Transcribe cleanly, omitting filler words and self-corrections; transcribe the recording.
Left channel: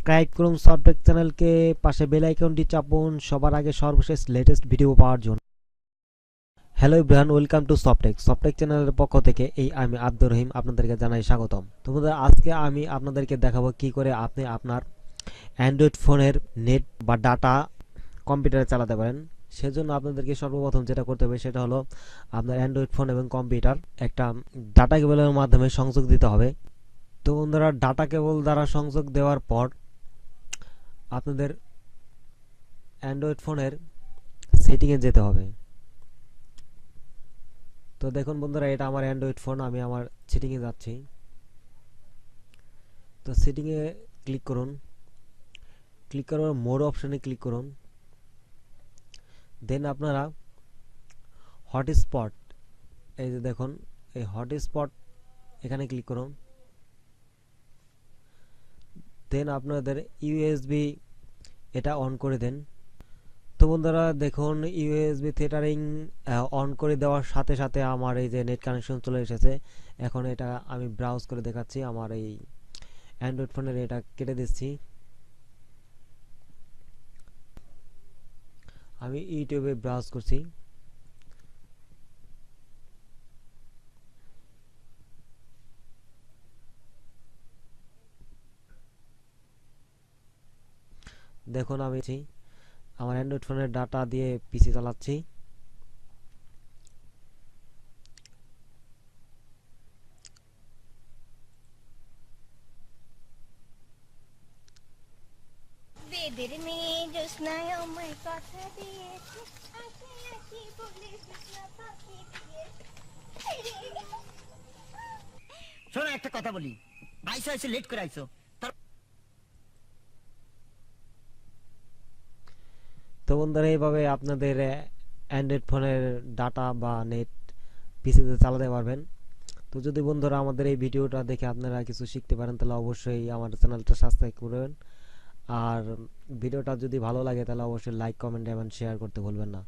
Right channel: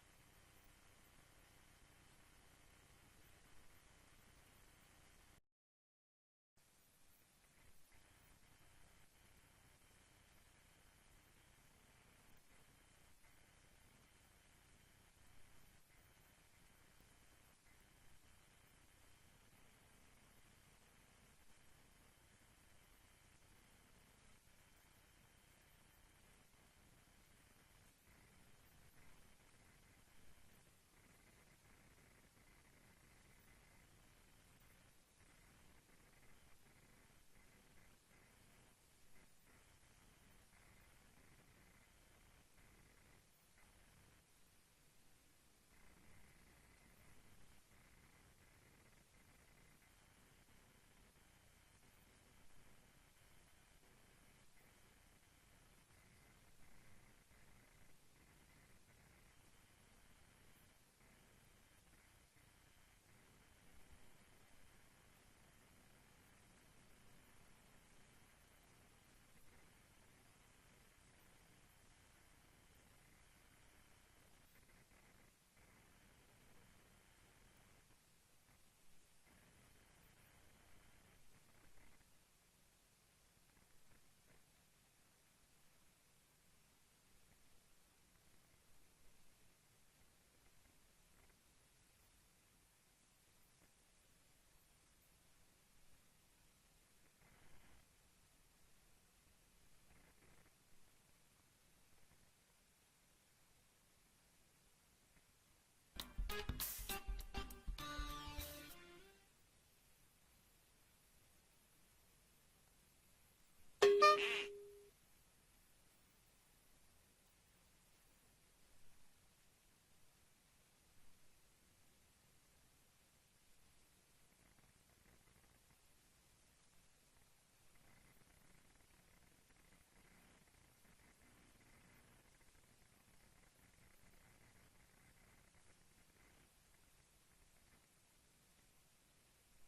Subscribe করুন সফটটেক চ্যানেলকে, পাশে বেল আইকনটি চাপুন সবার আগে সর্বশেষ লেটেস্ট ভিডিও পাওয়ার জন্য। হ্যালো এভরিওয়ান, ওয়েলকাম টু সফটটেক চ্যানেলের পক্ষ থেকে আমি আব্দুর রহিম আপনাদেরকে জানাই স্বাগতম। তো বন্ধুরা, আজকে আমি আপনাদেরকে দেখাবো কি করে আপনি আপনার অ্যান্ড্রয়েড ফোনের নেট বা ডাটা কম্পিউটারে চালাতে পারেন। সেজন্য আপনাদেরকে সর্বপ্রথম যেটা করতে হবে সেটা হলো আপনার অ্যান্ড্রয়েড ফোন এবং কম্পিউটার একটা ডাটা কেবলের মাধ্যমে সংযোগ দিতে হবে। তো বন্ধুরা, ডাটা কেবল দ্বারা সংযোগ দেওয়ার পর আপনাদের অ্যান্ড্রয়েড ফোনের সেটিংয়ে যেতে হবে। তো দেখুন বন্ধুরা, এটা আমার অ্যান্ড্রয়েড ফোন, আমি আমার সেটিংয়ে যাচ্ছি। তো সেটিংয়ে ক্লিক করুন, ক্লিক করার মোর অপশানে ক্লিক করুন। দেন আপনারা হটস্পট, এই যে দেখুন এই হটস্পট এখানে ক্লিক করুন। দেন আপনাদের ইউএসবি এটা অন করে দেন। তো বন্ধুরা দেখুন, ইউএসবি থিয়েটারিং অন করে দেওয়ার সাথে সাথে আমার এই যে নেট কানেকশন চলে এসেছে। এখন এটা আমি ব্রাউজ করে দেখাচ্ছি, আমার এই অ্যান্ড্রয়েড ফোনের এটা কেটে দিচ্ছি। আমি ইউটিউবে ব্রাউজ করছি। দেখুন আমি আমার অ্যান্ড্রয়েড ফোনের ডাটা দিয়ে পিসি চালাচ্ছি। বেদের মেয়ে জ্যোৎস্নায় আমায় কথা দিয়েছে, আঁকি আঁকি বলে জ্যোৎস্না পাখি দিয়েছে। শোনো, একটা কথা বলি। আইসো আইসো লেট করে আইসো। তো বন্ধুরা, এইভাবে আপনাদের অ্যান্ড্রয়েড ফোনের ডাটা বা নেট পিসিতে চালাতে পারবেন। তো যদি বন্ধুরা আমাদের এই ভিডিওটা দেখে আপনারা কিছু শিখতে পারেন তাহলে অবশ্যই আমার চ্যানেলটা সাবস্ক্রাইব করবেন। আর ভিডিওটা যদি ভালো লাগে তাহলে অবশ্যই লাইক, কমেন্ট এবং শেয়ার করতে ভুলবেন না।